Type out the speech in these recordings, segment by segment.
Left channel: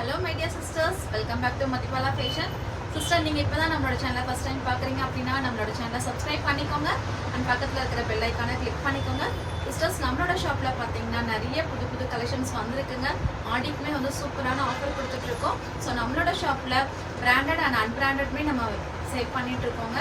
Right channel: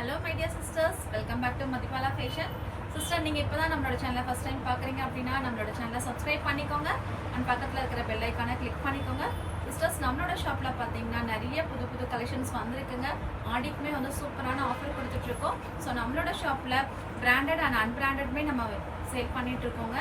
Hello my dear sisters, welcome back to Madhipala Fashion. Sister, நீங்க இப்பதான் நம்மளோட சேனலை ஃபர்ஸ்ட் டைம் பார்க்குறீங்க அப்படின்னா நம்மளோட சேனலை சப்ஸ்கிரைப் பண்ணிக்கோங்க அண்ட் பக்கத்தில் இருக்கிற பெல் ஐக்கானை கிளிக் பண்ணிக்கோங்க. சிஸ்டர்ஸ், நம்மளோட ஷாப்பில் பார்த்தீங்கன்னா நிறைய புது புது கலெக்ஷன்ஸ் வந்திருக்குங்க. ஆடிக்குமே வந்து சூப்பரான ஆஃபர் கொடுத்துட்ருக்கோம். ஸோ நம்மளோட ஷாப்பில் பிராண்டட் அண்ட் அன்பிராண்டட்மே நம்ம சேல் பண்ணிட்டு இருக்கோங்க.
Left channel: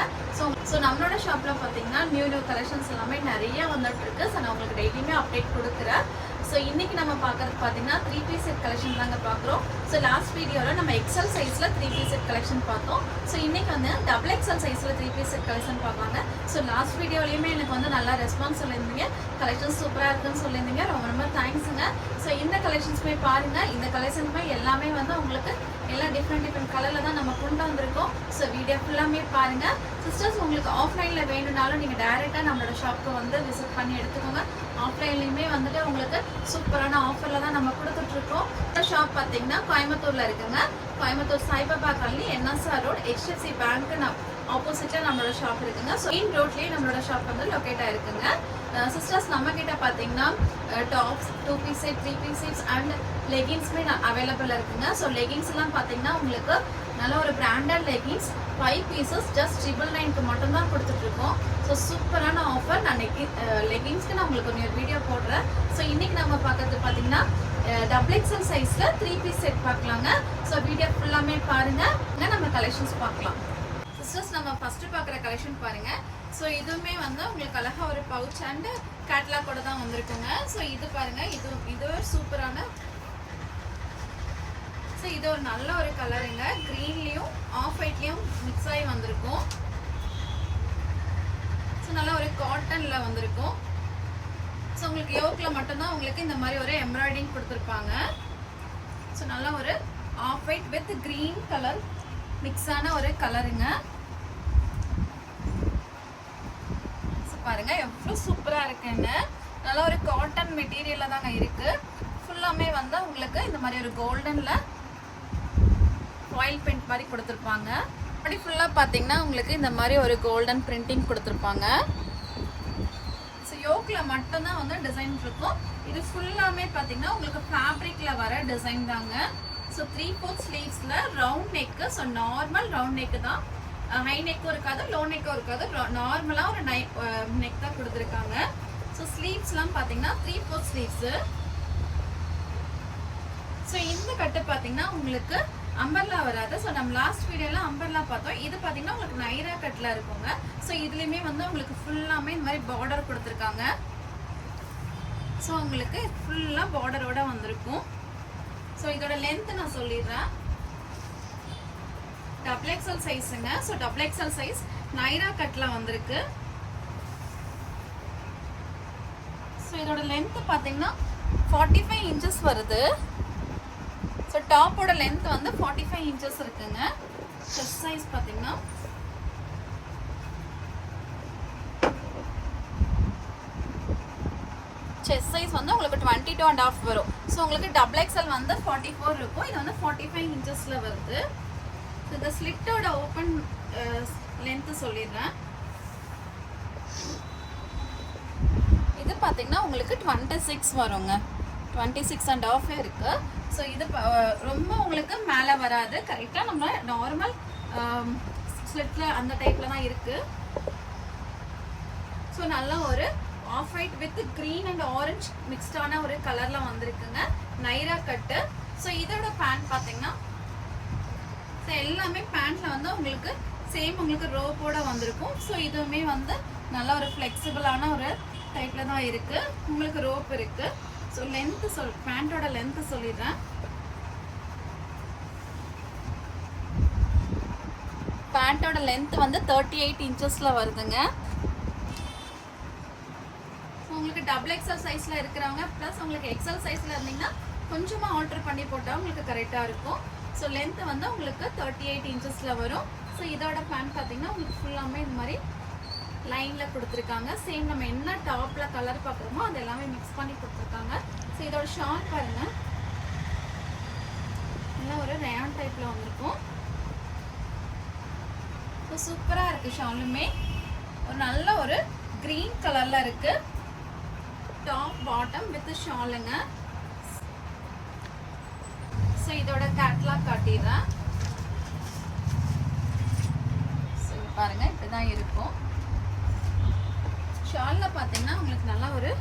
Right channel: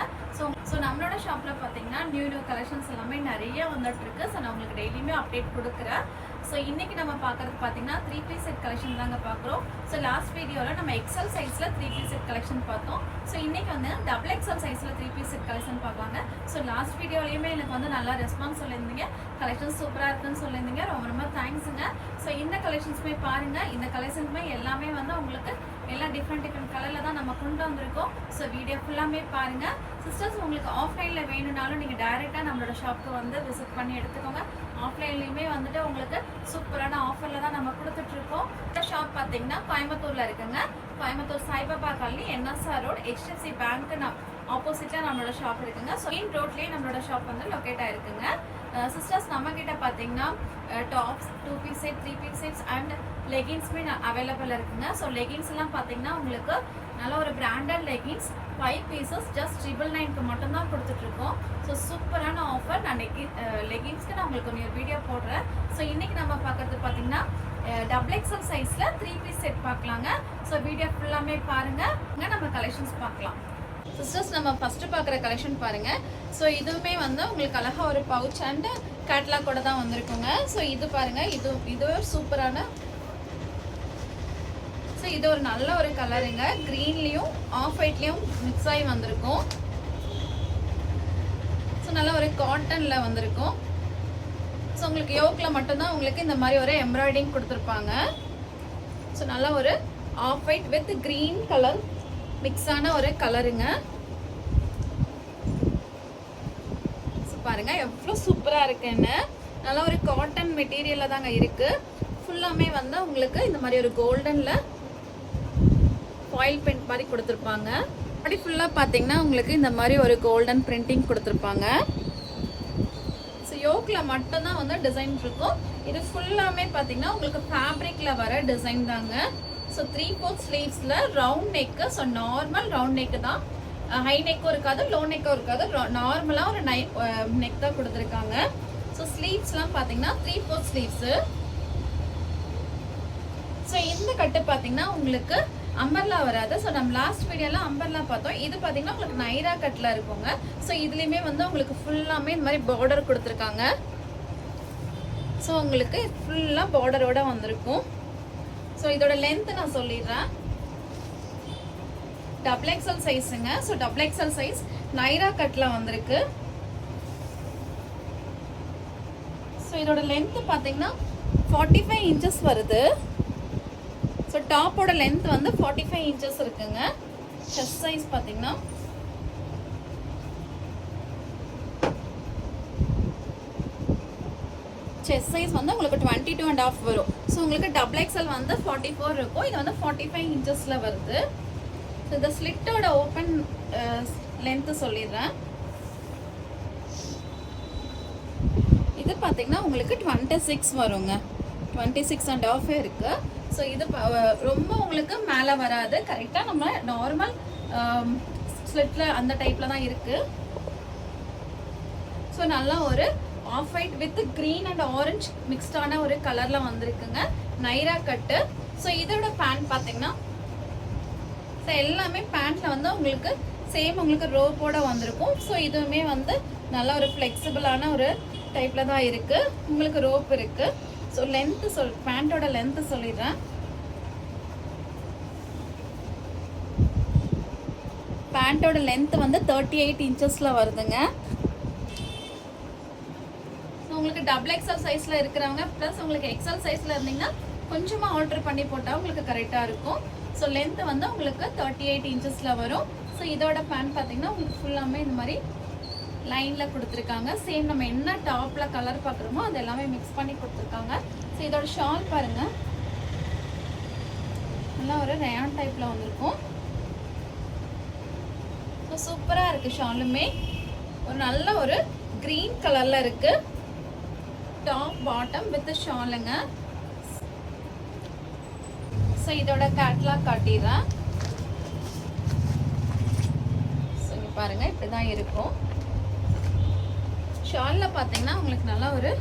ஸோ நம்மளோட ஷாப்பில் பார்த்தீங்கன்னா நியூ கலெக்ஷன்ஸ் எல்லாமே நிறைய வந்துட்டு இருக்கு. ஸோ நான் உங்களுக்கு டெய்லியுமே அப்டேட் கொடுக்குறேன். ஸோ இன்னைக்கு நம்ம பார்க்கறது பார்த்தீங்கன்னா 3 பீஸ் செட் கலெக்ஷன் தாங்க பார்க்குறோம். ஸோ லாஸ்ட் வீடியோவில் நம்ம எக்ஸல் சைஸில் 3 பீஸ் செட் கலெக்ஷன் பார்த்தோம். ஸோ இன்னைக்கு வந்து டபுள் எக்ஸல் சைஸில் 3 பீஸ் செட் கலெக்ஷன் பார்ப்பாங்க. ஸோ லாஸ்ட் வீடியோலையுமே எனக்கு வந்து நல்லா ரெஸ்பான்ஸ் சொல்லியிருந்தீங்க, கலெக்ஷன் சூப்பராக இருக்குன்னு சொல்லியிருந்தீங்க. ரொம்ப ரொம்ப தேங்க்ஸுங்க. ஸோ இந்த கலெக்ஷன்ஸுமே பாருங்கள். இந்த கலெக்ஷன்ஸுமே எல்லாமே வந்து உங்களுக்கு எல்லாம் டிஃப்ரெண்ட் கலரில் தான் நம்ம கொண்டு வந்திருக்கோம். ஸோ வீடியோ ஃபுல்லாமே பாருங்கள். சிஸ்டர்ஸ், உங்களுக்கு ஆஃப்லைனில் வேணும்னாலும் நீங்கள் டைரெக்டாக நம்மளோட ஷாப்புக்கு வந்து விசிட் பண்ணி எடுத்துக்கோங்க. ஆஃப்லைன்லையுமே வந்துட்டு உங்களுக்கு சூப்பரான ஆஃபரில் தான் நம்ம கொடுத்துட்ருக்கோம். இந்த ஷாப் பார்த்தீங்கன்னா கோயம்புத்தூரில் இருக்குங்க. Coimbatore Saibaba colony, NSR road, HDFC பேங்க்கு ஆப்போசிட்டாக நம்மளோட ஷாப் இருக்குங்க. ஸோ மெயின் ரோட்லேயே நம்மளோட ஷாப் வந்து லொக்கேட் ஆகிருக்குங்க. சிஸ்டர்ஸ், நம்ம கிட்ட பார்த்தீங்கன்னா tops, 2 piece set, 3 piece sets and லெகின்ஸுமே அவைலபிள் இருக்குங்க. ஸோ லெகின்ஸ்லாம் பார்த்தீங்கன்னா உங்களுக்கு நல்ல ஒரு பிராண்டட் லெகின்ஸ் 5 பீசஸ் ஜஸ்ட் 999க்கு மட்டும்தான் கொடுத்துட்ருக்கோம். ஸோ சூப்பரான ஆஃபர். நான் லெகின்ஸ்க்கு நான் உங்களுக்கு ஒரு வீடியோ போடுறேன். ஸோ இன்னைக்கு நம்ம பார்க்கறது பார்த்தீங்கன்னா டபுள் எக்ஸல் சைஸில் 3 பீஸ் செட் பார்க்கலாங்க. ஸோ வீடியோ ஃபுல்லாமே பாருங்கள், நம்ம கலெக்ஷன்ஸ் பார்க்கலாம். சிஸ்டர்ஸ், நம்ம ஃபர்ஸ்ட் பார்க்குற கலெக்ஷன் பாருங்க. ஸோ இதுவுமே வந்து உங்களுக்கு அழகா ஒரு பவுச் அண்ட் கேட்லாகோட தான் வந்திருக்குங்க. ஸோ இது பாருங்க, இது சூப்பரான, ஸோ இது ஒரு நல்ல ஒரு கலருங்க. க்ரீன்லேயும் ஆஃப் ஒயிட்லேயும் மிக்ஸ் ஆகி வந்திருக்கும். ஸோ நல்ல ஒரு காட்டனில் வந்திருக்கும். ஸோ உங்களுக்கு யோக்கில் மட்டும்தான் உங்களுக்கு இந்த மாதிரி ஒரு எம்ப்ராய்டிங் கொடுத்துருப்பாங்க. ஸோ நல்ல ஒரு off white with green colour மிக்ஸான ஒரு கலருங்க. பாருங்க எவ்வளோ சூப்பராக இருக்குன்னு. நல்லா ஒரு காட்டன் மெட்டீரியலில் தாங்க இருக்கு. ஃபுல்லாமே வந்து உங்களுக்கு இந்த மாதிரி ஒரு கோல்டன்ல ஃபாயில் பிரிண்ட் மாதிரி கொடுத்துருப்பாங்க. அப்படி ஃபுல்லாக பார்த்தீங்கன்னா உங்களுக்கு இந்த மாதிரி ஒரு கோல்டன் பிரிண்டிங் கொடுத்துருப்பாங்க. ஸோ யோக்கில் மட்டும்தான் வந்து டிசைன் இருக்கும். இது ஃபுல்லாமே பார்த்தீங்கன்னா உங்களுக்கு ஃபேப்ரிக்ல வர டிசைன் தாங்க. ஸோ 3/4 ஸ்லீவ்ஸில் round neck. So normal round neck தான், ஹை நெக்கும் இருக்காது, லோ நெக்கும் இருக்காது. நார்மலாக ஒரு நெக் தான் கொடுத்துருக்காங்க. ஸோ ஸ்லீவ்ஸ்லாம் பார்த்தீங்கன்னா 3/4 ஸ்லீவ்ஸு. ஸோ இந்த கட்டு பார்த்தீங்கன்னா உங்களுக்கு அம்பர்லா வராது. ஸோ நம்ம லாஸ்ட் வீடியோலாம் அம்பர்லா பார்த்தோம். இது பார்த்தீங்கன்னா உங்களுக்கு நைரா கட்டில் இருக்குங்க. ஸோ இதுலேயுமே வந்து உங்களுக்கு ஃபுல்லாமே இந்த மாதிரி பார்டர் கொடுத்துருக்காங்க. ஸோ உங்களுக்கு ஃபுல்லாக பார்டரோட வந்திருக்கும். ஸோ இதோட லென்த் நான் சொல்லிடுறேன். டபுள் எக்ஸல் சைஸுங்க. So double XL size Naira கட்டில் வந்திருக்கு. ஸோ இதோட லென்த் பார்த்தீங்கன்னா 45 இன்ச்சஸ் வருது. ஸோ டாப்போட லென்த் வந்து 45 இன்ச்சஸ் இருக்குங்க. செஸ்ட் சைஸ் பார்த்தீங்கன்னா செஸ்ட் சைஸ் வந்து உங்களுக்கு 22.5 வரும். ஸோ உங்களுக்கு டபுள் எக்ஸல் வந்து 44 இருக்கும். இது வந்து 45 இன்ச்சஸ்ல வருது. ஸோ இந்த ஸ்லிட்டோட ஓப்பன் லென்த் சொல்லிடுறேன். இது பார்த்தீங்கன்னா உங்களுக்கு 26 வருங்க. 26.5 இருக்கு. ஸோ இது ரொம்ப உங்களுக்கு மேலே வராது. கரெக்டாக நம்ம நார்மல் ஸ்லிட்ல அந்த டைப்ல தான் இருக்கு. ஸோ நல்லா ஒரு off white with green and orange மிக்ஸ்டான ஒரு கலர்ல வந்திருக்குங்க. நைரா கட்டு. ஸோ இதோட பேண்ட் பார்த்தீங்கன்னா ஸோ எல்லாமே பேண்ட்ல வந்து உங்களுக்கு சேம் உங்களுக்கு ரோப்போட வந்திருக்கும். ஸோ இதுவுமே வந்து நல்லா ஒரு ஃப்ளெக்சிபிளான ஒரு டைப்ல தான் இருக்கு. உங்களுக்கு ரோப் இருக்கு. ஸோ லென்த் பேண்டோட லென்த் சொல்லிடுறேன். பேண்டோட லென்த் வந்து 38 இன்ச்சஸ்ல வருதுங்க. உங்களுக்கு டபுள் எக்ஸல் சைஸ்ல இருக்கிறவங்க பிளஸ் உங்களுக்கு எக்ஸல் சைஸ்ல இருந்தீங்கன்னா கொஞ்சமா ஆல்டர் பண்ணி போட்டா உங்களுக்கு கரெக்டா இருக்கும். ஸோ லென்த் வந்து உங்களுக்கு 38 இன்ச்சஸ்ல வரும். ஸோ இதோட பேண்ட் பார்த்தீங்கன்னா உங்களுக்கு ஃபுல்லாமே இந்த மாதிரி லைன்ல கொடுத்துருக்காங்க. சேம் நம்ம என்ன டாப்ல கலர் பார்க்குறோமோ அது எல்லாமே மிக்ஸ் பண்ணி கொடுத்துருக்காங்க. ஸோ இதோட ஷால் பாருங்க, எல்லாம் ஒரு ரயான் டைப்ல வந்திருக்கும். சூப்பரா இருக்கு. ஷாலுமே ஒரு நல்ல ஒரு கிரீன் கலர்ல இருக்கு. டாப் பாட்டம் வித் ஷாலுங்க. ஸோ இதோட கேட்லாக் காட்டிடுறேன். ஸோ இங்க பாருங்க இப்படிதான் இருக்கும். ஷால்ல பாத்தீங்கன்னா உங்களுக்கு நல்லா ஒரு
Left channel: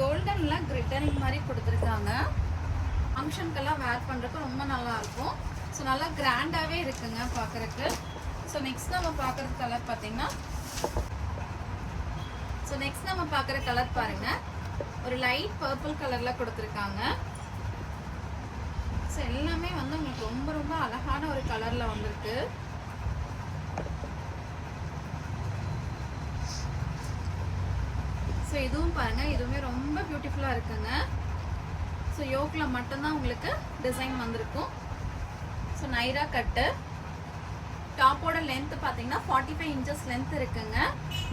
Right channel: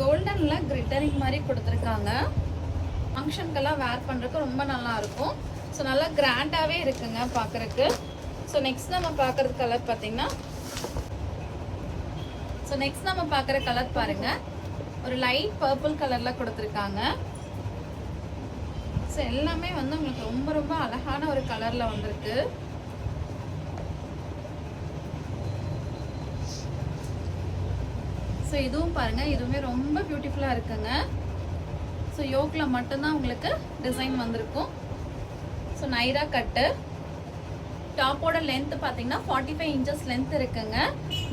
கோல்டன்ல கிளிட்டரிங் மாதிரி கொடுத்துருக்காங்க. ஃபங்க்ஷனுக்கெல்லாம் வேர் பண்றதுக்கு ரொம்ப நல்லா இருக்கும். ஸோ நல்லா கிராண்டாவே இருக்குங்க பாக்குறதுக்கு. ஸோ நெக்ஸ்ட் நம்ம பாக்குறது கலர் பாத்தீங்கன்னா, ஸோ நெக்ஸ்ட் நம்ம பாக்குற கலர் பாருங்க, ஒரு லைட் பர்பிள் கலர்ல கொடுத்துருக்காங்க. ஸோ எல்லாமே வந்து உங்களுக்கு ரொம்ப ரொம்ப அழகான ஒரு கலர்ல வந்திருக்கு. ஸோ இதுவும் பாருங்க, இதுவுமே ரொம்ப பியூட்டிஃபுல்லா இருக்குங்க. ஸோ யோக்ல மட்டும்தான் உங்களுக்கு டிசைன் வந்திருக்கும். ஸோ நைரா கட்டு. டாப்போட லென்த் பாத்தீங்கன்னா 45 இன்ச்சஸ் லென்த் இருக்குங்க.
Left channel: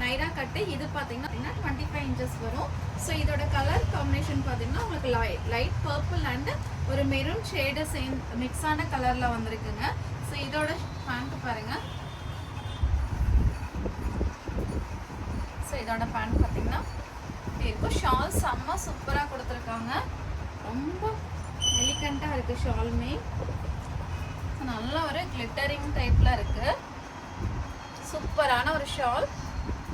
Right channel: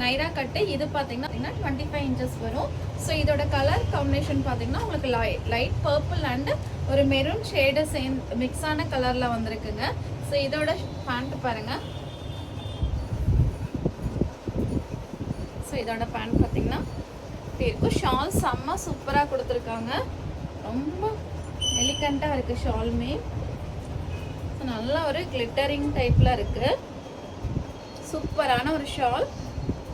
நைரா கட்டு இது பாத்தீங்கன்னா 25 இன்ச்சஸ் வரும். ஸோ இதோட கலர் காம்பினேஷன் பாத்தீங்கன்னா உங்களுக்கு லைட் பர்பிள் அண்ட் ஒரு மெரூன் ஷேடு சேர்ந்து மிக்ஸ் ஆன கலர்ல வந்திருக்குங்க. ஸோ இதோட பேண்ட் பாருங்க. ஸோ இதோட பேண்ட் பாத்தீங்கன்னா இருக்கும். ஷால் செம்ம சூப்பரா கொடுத்துருக்காங்க. ரொம்ப எலிகண்டா இருக்கு ஷாலுமே. நல்ல ஒரு கிளிட்டரிங் டைப்ல இருக்கு. சூப்பரான ஒரு shawl.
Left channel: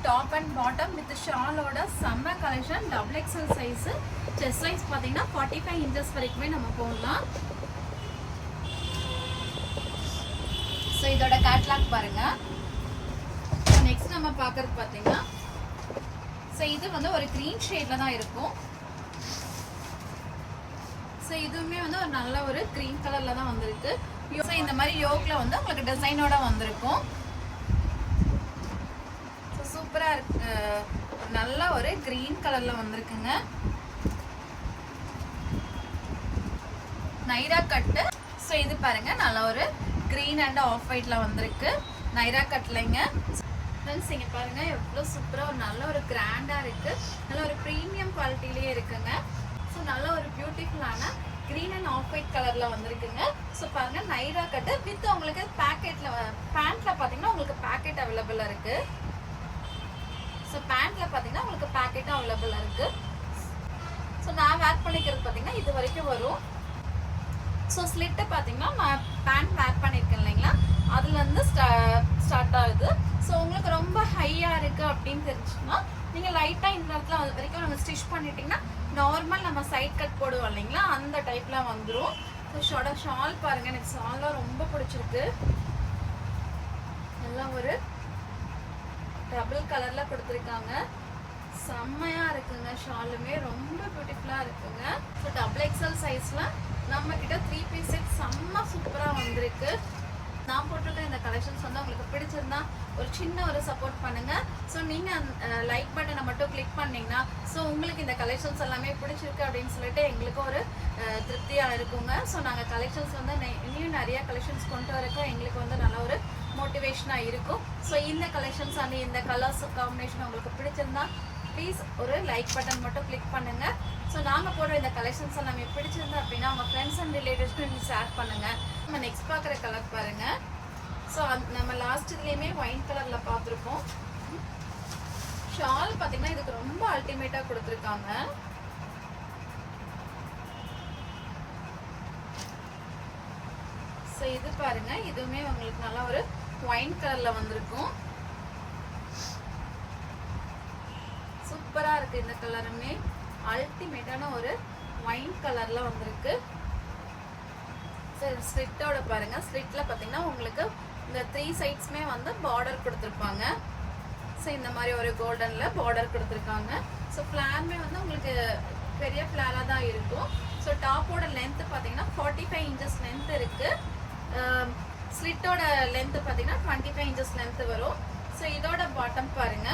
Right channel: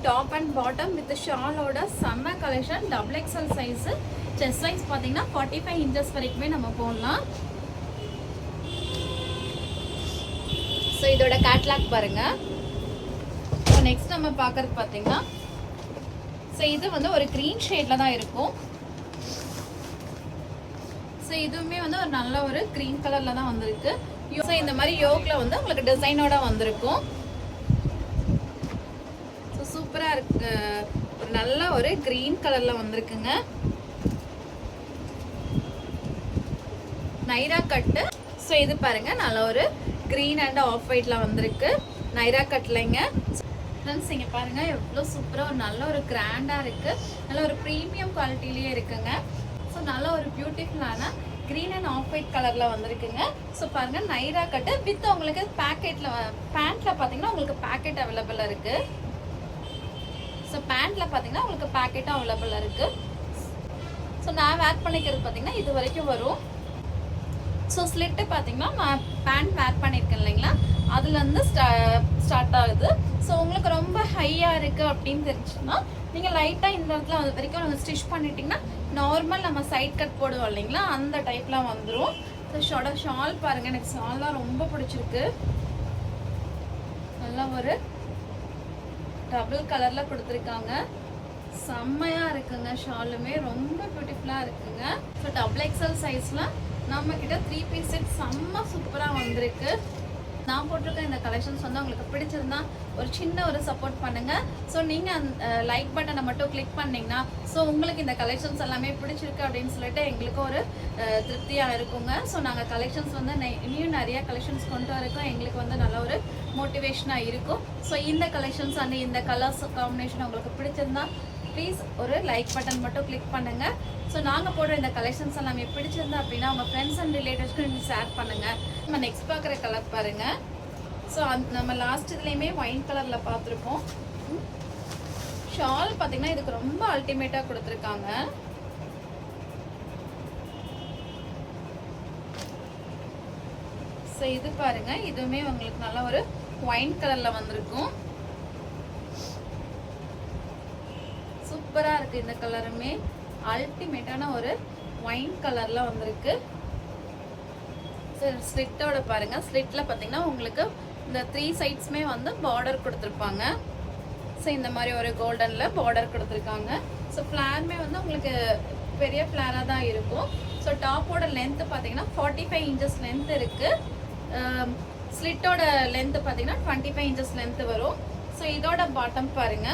Top and bottom with ஷாலோட செம்ம collection. Double XL size. Chest size பாத்தீங்கன்னா 45 இன்ச்சஸ் வரைக்குமே நம்ம போடலாம். ஸோ இதோட கேட்லாக் பாருங்க. நெக்ஸ்ட் நம்ம பாக்குறது பாத்தீங்கன்னா, ஸோ இது வந்து ஒரு கிரீன் ஷேட்ல தான் இருக்கும். ஸோ இதுவுமே வந்து ஒரு நல்ல ஒரு கிரீன் கலர்ல தான் வந்திருக்கு. ஸோ இந்த மாதிரி யோக்ல வந்து உங்களுக்கு டிசைனோட வந்திருக்கும். ஸோ சூப்பரா இருக்கு. ஒரு நல்ல ஒரு கிரீன் கலர்ல வந்திருக்குங்க. நைரா கட்டு. ஸோ இது பாருங்க, நல்ல ஒரு கிரீன் அண்ட் ஆஃப் ஒயிட்ல வந்திருக்கு. நைரா கட்லைங்க. ஃப்ரெண்ட்ஸ் இங்க பாருங்க எவ்வளவு சூப்பரா ஒரு நல்ல ஒரு கிராண்டா இருக்கு. நல்ல ஒரு பிரீமியம் குவாலிட்டிலேயே இருக்குங்க. ஸோ நல்ல ஒரு பியூட்டிஃபுல்லான கிரீன் அண்ட் ஆஃப் ஒயிட் கலர்ல வந்திருக்குங்க. ஸோ பாருங்க நைரா கட்டு வித் உங்களுக்கு பேக்கெட்ல பேண்ட்ல பாத்தீங்கன்னா உங்களுக்கு பேக்கெட் அவைலபிள் இருக்கு. ஸோ பேண்ட்ல பாத்தீங்கன்னா உங்களுக்கு பேக்கெட்டும் அவைலபிள் இருக்கு. ஸோ நான் வேர் பண்ணிக்கிறது பாத்தீங்கன்னா இது வரைக்கும் வரும். ஸோ ஸ்லிட்டு பாத்தீங்கன்னா பேண்ட் வேர் பண்ணிருக்கேன் இல்லைங்களா, அதுல இருந்து ஸ்டார்ட் ஆகுது. ஸோ உங்களுக்கு ரொம்ப ஹையா இருக்கு அப்படின்னு தெரிஞ்சுன்னா நீங்க லைட்டா இந்த இடத்துல அது வரைக்கும் நம்ம ஸ்டிச் பண்ணிட்டீங்கன்னா நார்மல் நம்ம சைட் கட் போடுவோம் இல்லைங்களா, அந்த டைப்ல வந்துடும். ஷால் பாருங்க, எனக்கு ஷால் தான் ரொம்ப பிடிச்சிருக்கு. நல்லா ஒரு டபுள் கலர்ல கொடுத்துருக்காங்க. செம்மையா இருக்குங்க. ஷாலுமே ரொம்ப பியூட்டிஃபுல்லா இருக்குங்க. ஸோ டபுள் எக்ஸ்எல் சைஸ்ல நம்ம கிட்ட 3 பீஸ் செட் செம்ம சூப்பரா வந்திருக்கு. நான் போட்டிருக்க இந்த கலெக்ஷன்ஸ் வந்து உங்களுக்கு பிடிச்சிருந்தா ஒரு சின்ன ஒரு சப்போர்ட் பண்ணுங்க. ஸோ நீங்க லைக் பட்டனை மட்டும் கிளிக் பண்ணீங்கன்னா ஸோ உங்களுக்கு இந்த கலெக்ஷன்ஸ் எல்லாமே பிடிச்சிருக்கு அப்படின்னு சொல்லிட்டு எங்களுக்கு ஒரு திருப்தியா இருக்குங்க. ஸோ நாங்க கலெக்ஷன்ஸ் வந்து இன்னும் நிறைய கலெக்ஷன்ஸ் கொண்டு வரக்கும் எங்களுக்கு வந்து நல்ல ஒரு மோட்டிவேஷனா இருக்கும். ஸோ இந்த கலெக்ஷன்ஸ் அண்ட் இந்த கலர்ஸ் காம்பினேஷன் உங்களுக்கு பிடிச்சிருந்தா ப்ளீஸ் ஒரு லைக் பட்டன் மட்டும் கிளிக் பண்ணுங்க. ஸோ நாங்கள் போடுற இந்த கலெக்ஷன்ஸ் எல்லாமே பிடிச்சிருந்தா அப்படின்னா உங்கள் ஃப்ரெண்ட்ஸ் அண்ட் ரிலேட்டிவ்ஸ்க்கு நீங்கள் ஷேர் பண்ணுங்க. நம்ம நெக்ஸ்ட் பார்க்குற கலர் பாருங்க. ஸோ நம்ம லாஸ்ட் இதுலேயுமே ஒயின் கலரில் பார்த்துருப்போம். ஷால் பார்த்தீங்கன்னா இதுக்கு ரொம்ப அல்டிமேட்டாக கொடுத்துருக்காங்க. ஸோ இது பாருங்க, இதுவுமே உங்களுக்கு நல்லா ஒரு ஒயின் கலரில் வந்திருக்கும். சூப்பரா இருக்கு. இந்த கலருமே அல்டிமேட்டான ஒரு ஒயின் கலர்ல வந்திருக்கு. ஸ்லிட்டோட பாருங்க, ஸ்லிட்ல பாத்தீங்கன்னா உங்களுக்கு இந்த 3 சைட்ஸ்மே வந்து பார்டர் கொடுத்துருப்பாங்க. ஸோ இந்த மாதிரி ஒரு கோல்டன்ல பார்டர் கொடுத்துருக்காங்க. ஸோ ஃபிளாருமே வந்து உங்களுக்கு பெரிய ஃபிளாரா தான் இருக்கும். ஸோ டாப்போட லென்த் பாத்தீங்கன்னா 45 இன்ச்சஸ் லென்த் இருக்கு. ஸ்லிட்டோட லென்த் பாத்தீங்கன்னா 25 இன்ச்சஸ் லென்த் வரும். ஸோ இதோட பாட்டம் பாருங்க,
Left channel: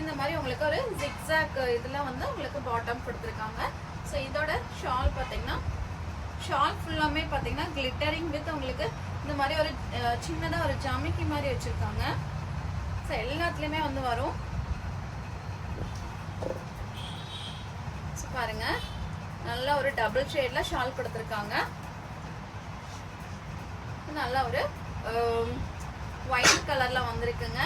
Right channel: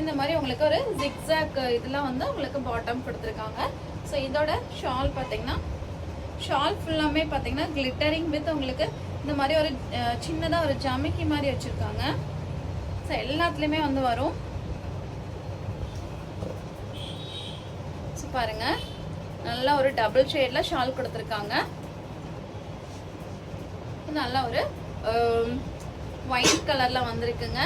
இந்த மாதிரி உங்களுக்கு ஒரு ஜிக்ஸாக் இதெல்லாம் வந்து உங்களுக்கு பாட்டம் கொடுத்துருக்காங்க. ஸோ இதோட ஷால் பார்த்தீங்கன்னா ஷால் ஃபுல்லாமே பார்த்தீங்கன்னா கிளிட்டரிங் வித் உங்களுக்கு இந்த மாதிரி ஒரு சின்னதாக ஒரு ஜமிக்கி மாதிரி வச்சுருக்காங்க. ஸோ எல்லாத்துலேயுமே வந்து வரும். ஸோ பாருங்க, நல்லா ஒரு டபுள் ஷேட்ல ஷால் கொடுத்துருக்காங்க. நல்லா ஒரு ஒயிட் கலர்ல வந்திருக்குங்க.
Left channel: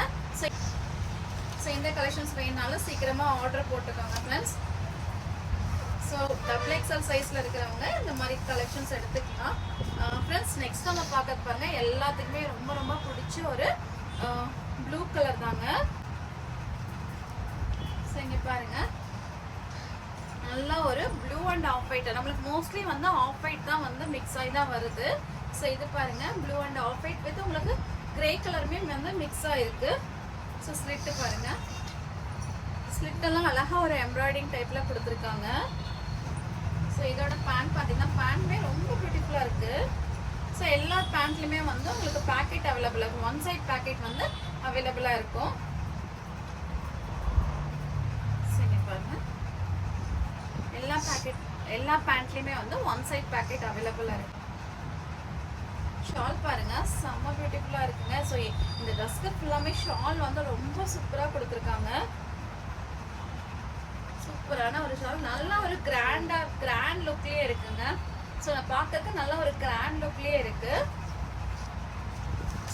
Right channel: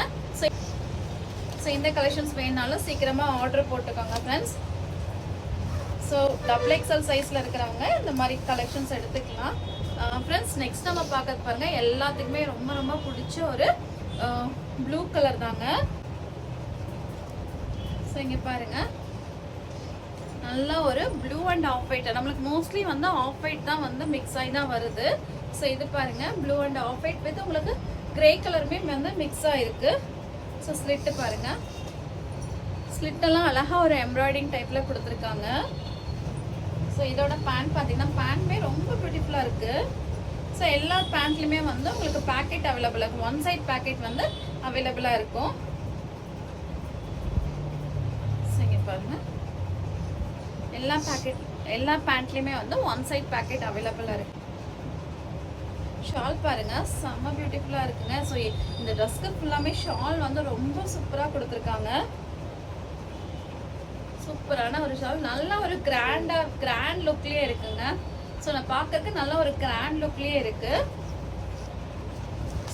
ஸோ இந்த கலெக்ஷன்ஸ் வேணுனாலும் சீக்கிரமா ஆர்டர் போட்டுக்கோங்க ஃப்ரெண்ட்ஸ். ஸோ டபுள் எக்ஸல் சைஸில் இருக்கிறவங்க இந்த மாதிரி கலெக்ஷன்ஸ் எடுத்துக்கலாம். ஃப்ரெண்ட்ஸ் நெக்ஸ்ட் நம்ம பார்க்கறது பாருங்க, எல்லாத்துக்குமே ரொம்ப ரொம்ப பிடிச்ச ஒரு ப்ளூ கலர் தாங்க. ஸோ இங்கே பாருங்க, நல்லா ஒரு ப்ளூ அண்ட் ஆஃப் ஒயிட். நம்மளுக்கு மோஸ்ட்லி வந்து ஆஃப் ஒயிட் தான் வந்து மிக்ஸ் ஆகி தான் வருது. ஸோ இது பாருங்க, blue and half white with உங்களுக்கு கிரே கலருமே வந்து மிக்ஸ் ஆயிருக்கு. ஸோ ஸ்லிட்டு பாருங்க, ஸ்லிட் எல்லாம் அழகா ஒரு எம்ப்ராய்டிங் டைப்ல கொடுத்துருக்காங்க. ஸோ இதோட பேண்ட் பார்த்தீங்கன்னா பேண்ட்மே ரொம்ப பியூட்டிஃபுல்லா இருக்கு. ஸோ எல்லா பேண்ட்லயுமே வந்து உங்களுக்கு பேக்கெட் அவைலபிள் இருக்கும். ஒன் சைட் பேக்கெட் வந்து அவைலபிளா இருக்கும். பாருங்க, எல்லா பேண்ட்லயுமே வந்து ஒன் சைட் பேக்கெட் அவைலபிளா இருக்கு. ஷால் பாருங்க, செம்ம பியூட்டிஃபுல்லா இருக்குங்க. ஸோ இந்த ட்ரெஸ்க்கு ஃபுல்லாமே ஷால் வந்து ரொம்ப சூப்பரா கொடுத்துருக்காங்க. சூப்பரான ஒரு ஷால், நல்ல ஒரு கிராண்ட் லுக்லயே இருக்குங்க. ஸோ நான் பார்க்கறதுக்கு நல்ல ஒரு கிராண்ட் லுக்லயே இருக்கு.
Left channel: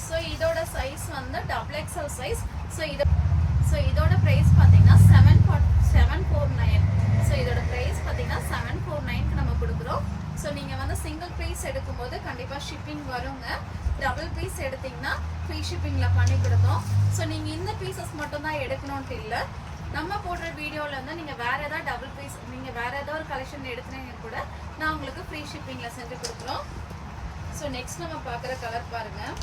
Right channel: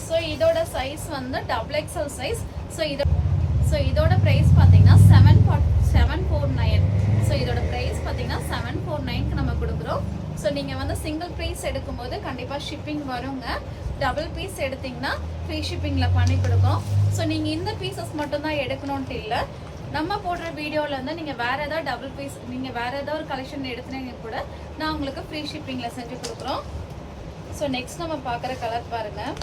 ஸோ இதோட சைஸ் வந்து டபுள் எக்ஸல் சைஸ். ஸோ இதோட பிரைஸ் பார்த்தீங்கன்னா 749. ஸோ இதோட பிரைஸ் பார்த்தீங்கன்னா 749க்கு நம்ம கொடுக்குறோம். ஸோ நீங்கள் வந்து சிங்கிள் பீஸ் எடுக்கும்போது கண்டிப்பாக ஷிப்பிங் வருங்க. டபுள் பீஸ் எடுத்தீங்கன்னா ஃப்ரீ ஷிப்பிங்கில் பண்ணி கொடுக்கும். ஸோ நீங்கள் இந்த பீசஸ் மட்டும்தான் எடுக்கணும்ட்டு இல்லை, நம்ம போடுற வீடியோவில் வந்து நீங்கள் வேறு ஏதாவது டபுள் பீஸ், நீங்கள் வேறு ஏதாவது ஒரு கலெக்ஷன் எடுத்துனீங்க கூட நான் உங்களுக்கு ஃப்ரீ ஷிப்பிங்கில் செஞ்சு கொடுக்குறோம். ஸோ நெக்ஸ்ட் நம்ம பார்க்குற கலர் பாருங்கள்,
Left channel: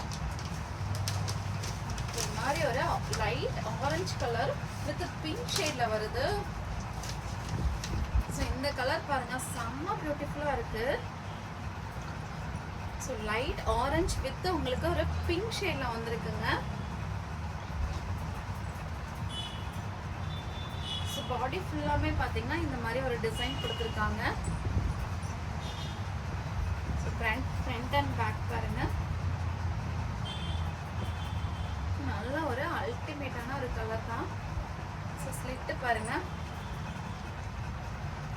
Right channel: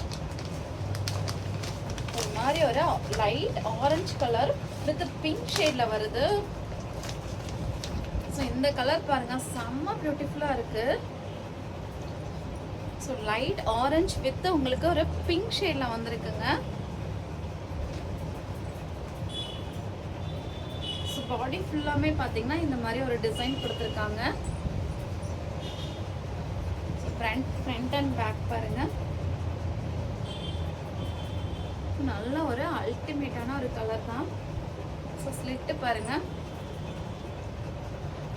ஒரு மாதிரி ஒரு light orange colour with pink ஷேட்ல வருது. ஸோ இந்த கலர் பாருங்க, செம்ம பியூட்டிஃபுல்லா இருக்கு. ஸோ லைட் ஆரஞ்சு வித் உங்களுக்கு ஒரு பிங்க் ஷேட்ல வந்திருக்குங்க. ஸோ பாடி ஃபுல்லாமே பாத்தீங்கன்னா இந்த மாதிரி ஒரு டிசைன் கொடுத்துருக்காங்க. ஸோ ஃப்ரண்ட் அண்ட் பேக் பாருங்க, நல்ல ஒரு அல்டிமேட்டான ஒரு கலர் தான். ஸோ ஸ்லிட்டு பாருங்க.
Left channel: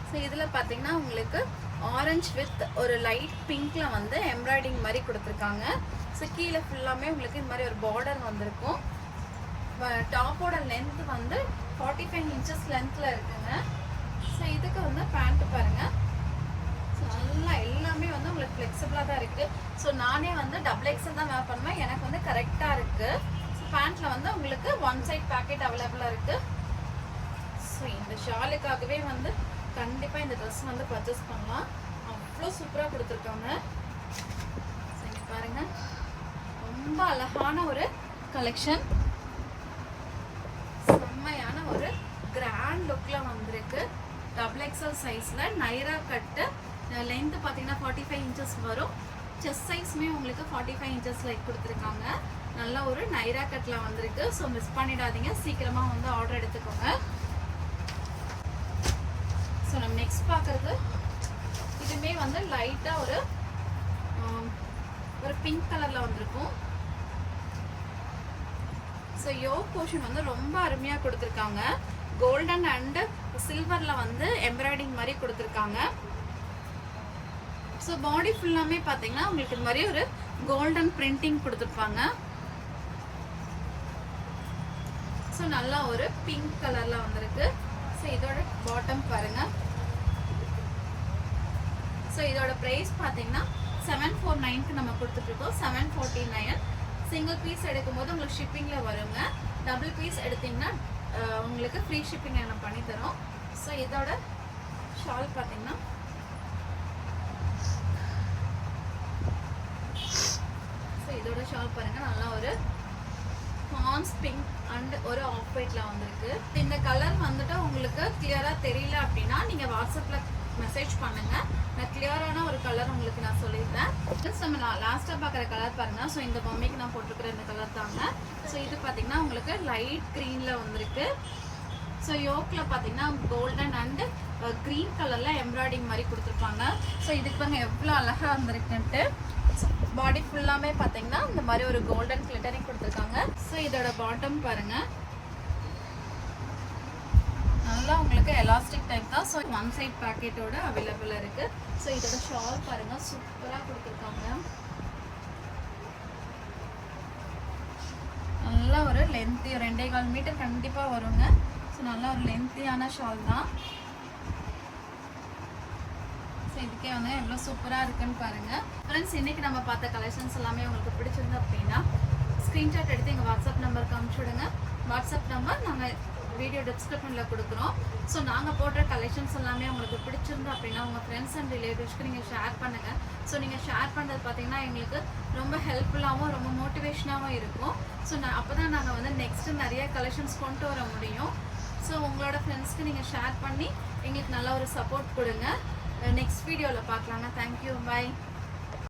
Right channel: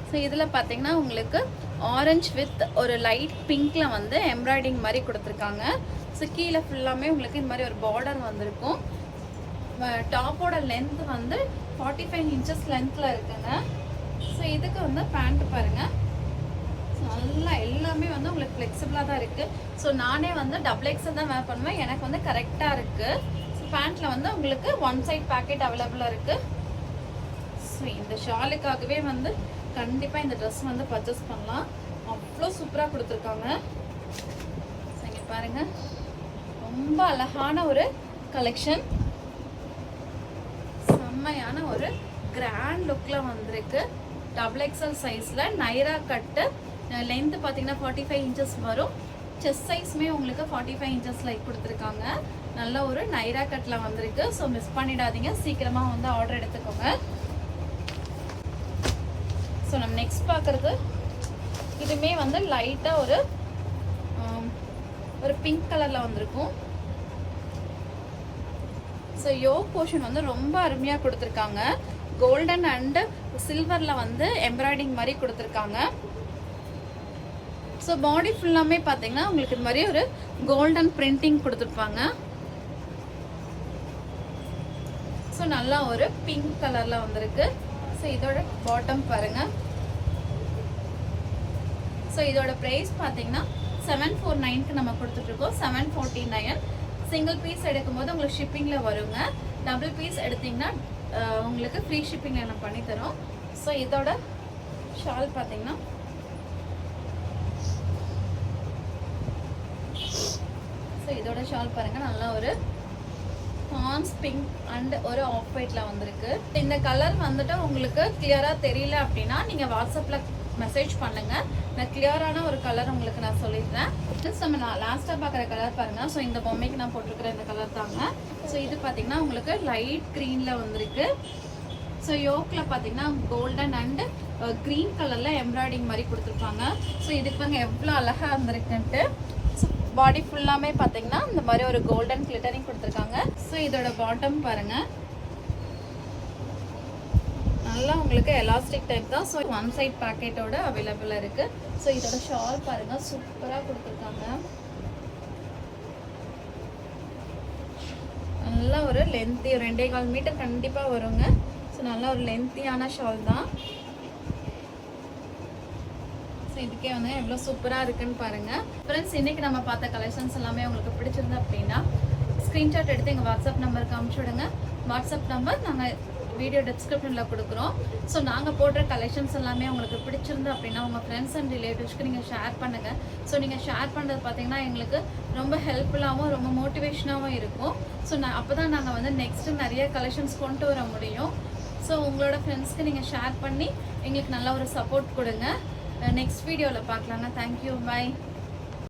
ஸோ இதில் பார்த்தீங்கன்னா உங்களுக்கு ஆரஞ்சு வித் ஒரு லைட் பிங்க்ல வந்து எம்ப்ராய்டிங் மாதிரி கொடுத்துருக்காங்க. ஸோ கீழே ஃபுல்லாமே உங்களுக்கு இந்த மாதிரி ஒரு பார்டர் வந்திருக்கும். டாப்போட லென்த் வந்து 45 inches லென்த்ல இருக்குங்க. ஸோ இதுக்கு வந்து பேண்ட் பாருங்க, நல்லா எல்லாமே வந்து உங்களுக்கு ஃப்ளெக்சிபிளாக தான் இருக்கு. ஸோ நானே வந்து டபுள் எக்ஸல் தான் வேர் பண்ணுவேன், எனக்கு வந்து கரெக்டாக இருக்கு. பேண்ட்ல வந்து உங்களுக்கு ஒன் சைட் பேக்கெட் அவைலபிளா இருக்கு. ஸோ இந்த ஷாலுக்காகவே வந்து கண்டிப்பா இந்த ட்ரெஸ் வந்து பர்ச்சேஸ் பண்ணலாம், அவ்வளோ சூப்பரா கொடுத்துருக்காங்க. இங்க பாருங்க, ரொம்ப அழகான ஒரு கலெக்ஷன், செம்மையான ஒரு கிராண்ட் லுக்ல வந்திருக்கு. டபுள் எக்ஸல் சைஸ்ல நைரா கட்டு, லென்த் பாத்தீங்கன்னா 45 inches வரும். செஸ்ட் சைஸ்மே உங்களுக்கு 45 inchesல கொடுத்துருக்காங்க. நல்ல ஒரு நைரா கட்ல வந்திருக்கு. ஸோ மிஸ் பண்ணிடாதீங்க, சீக்கிரமா வந்து ஆர்டர் எடுத்துக்கோங்க. ஸோ நம்ம நெக்ஸ்ட் பார்க்கறது இதுமே வந்து லைட்டா ஒரு பிங்க் கலர்ல வந்திருக்கும். ஸோ யோக் போர்ஷன் வந்து ரொம்ப அருமையா கொடுத்துருக்காங்க. கோல்டன் அண்ட் சில்வர்ல வந்து எம்ப்ராய்டிங் மாதிரி கொடுத்துருக்காங்க. ஸோ பாடி ஃபுல்லாமே பார்த்தீங்கன்னா உங்களுக்கு இந்த மாதிரி ஒரு கோல்டன் பிரிண்டிங் கொடுத்துருப்பாங்க. ஸோ நல்லா ஒரு பிங்க் கலர்ல வந்திருக்கு. ஸோ இதோட பாட்டம் பாருங்க. ஸோ இதோட பிரைஸ் பார்த்தீங்கன்னா 749க்கு நம்ம கொடுத்துட்டு இருக்கோம். 749. சிங்கிள் பீஸ் எடுக்கும்போது உங்களுக்கு ஷிப்பிங்ல வருங்க. டபுள் பீஸ் எடுத்தீங்கன்னா உங்களுக்கு ஃப்ரீ ஷிப்பிங் நம்ம பண்ணி தரோம். ஸோ இதோட ஷால் பார்த்தீங்கன்னா இதோட ஷால் பாருங்க, நல்லா ஒரு பான்ஸ் பிங்க் அண்ட் ஒரு ஆஃப் ஒயிட்ல வந்திருக்கு. இந்த கலர் வந்துட்டு உங்களுக்கு கிளியரா தெரியல அப்படின்னா நீங்க வாட்ஸ்அப்ல மெசேஜ் பண்ணுங்க, நான் கிளியரான ஒரு கலர் உங்களுக்கு நான் சொல்லிடுறேன். நம்ம லாஸ்டா பாக்குற கலர் பாருங்க. ஸோ இந்த பொம்மைக்கு நான் போட்டிருக்கிற இந்த கலர் தாங்க. ஸோ இது பாத்தீங்கன்னா உங்களுக்கு லைட் கிரீன்ல வந்திருக்கு. ஸோ யோக்ல பாத்தீங்கன்னா கோல்டன் அண்ட் கிரீன் கலர்ல எம்ப்ராய்டிங் மாதிரி கொடுத்துருக்காங்க. ஸோ இதுக்கு பாருங்க எவ்வளோ அழகா வந்திருக்குன்ட்டு. பாடி ஃபுல்லாமே பாத்தீங்கன்னா இந்த மாதிரி ஒரு கோல்டன் கிளிட்டரிங் கொடுத்துருக்காங்க. ஸோ இதோட பாட்டம் பாருங்க, நல்லா உங்களுக்கு எலாஸ்டிக் டைப் தான். ஸோ ஒன் சைட் பேக்கெட்டோட அவைலபிளா இருக்கு. ஸோ இதோட ஷால் பாருங்க, சூப்பரா கொடுத்துருக்காங்க. நல்லா ஒரு லென்த்தி, 2.25 மீட்டர் கண்டிப்பா வருங்க. ஸோ நல்லா ஒரு லென்த்தியான ஷால் தான். ஸோ இதுக்கே வந்து எவ்வளோ சூப்பராக இருக்குன்னு பாருங்கள். ஃப்ரெண்ட்ஸ், இன்றைக்கி நம்ம பார்த்த கலெக்ஷன்ஸ் எல்லாமே உங்களுக்கு பிடிச்சிருந்து அப்படின்னா ஸ்க்ரீன்ஷாட் எடுத்து எங்கள் வாட்ஸ்அப் நம்பருக்கு அனுப்பிச்சி விடுங்க. வாட்ஸ்அப் நம்பர் நாங்கள் வீடியோ டிஸ்கிரிப்ஷனில் கொடுக்குறோம். ஸோ நாங்கள் போடுற கலெக்ஷன்ஸ் எல்லாமே உங்களுக்கு பிடிச்சிருந்து அப்படின்னா உங்கள் ஃப்ரெண்ட்ஸ் அண்ட் ரிலேட்டிவ்ஸ்க்கு நீங்கள் ஷேர் பண்ணுங்கள். ஸோ நீங்கள் ஷேர் பண்ணுறது பார்த்தீங்கன்னா எங்களுக்கு ரொம்ப ஹெல்ப்ஃபுல்லாகவும் ரொம்ப மோட்டிவேஷனாகவும் இருக்கும். ஸோ அப்போ தான் நாங்கள் வந்து நெக்ஸ்ட்டு நிறைய கலெக்ஷன்ஸ் கொண்டு வர முடியும். ஸோ உங்களோட ஃப்ரெண்ட்ஸ்க்கு நீங்கள் ஷேர் பண்ணி எங்களுக்கு நல்ல ஒரு சப்போர்ட் கொடுங்க. நெக்ஸ்ட் வீடியோவில் பார்க்கலாங்க. தேங்க்யூ, பாய்.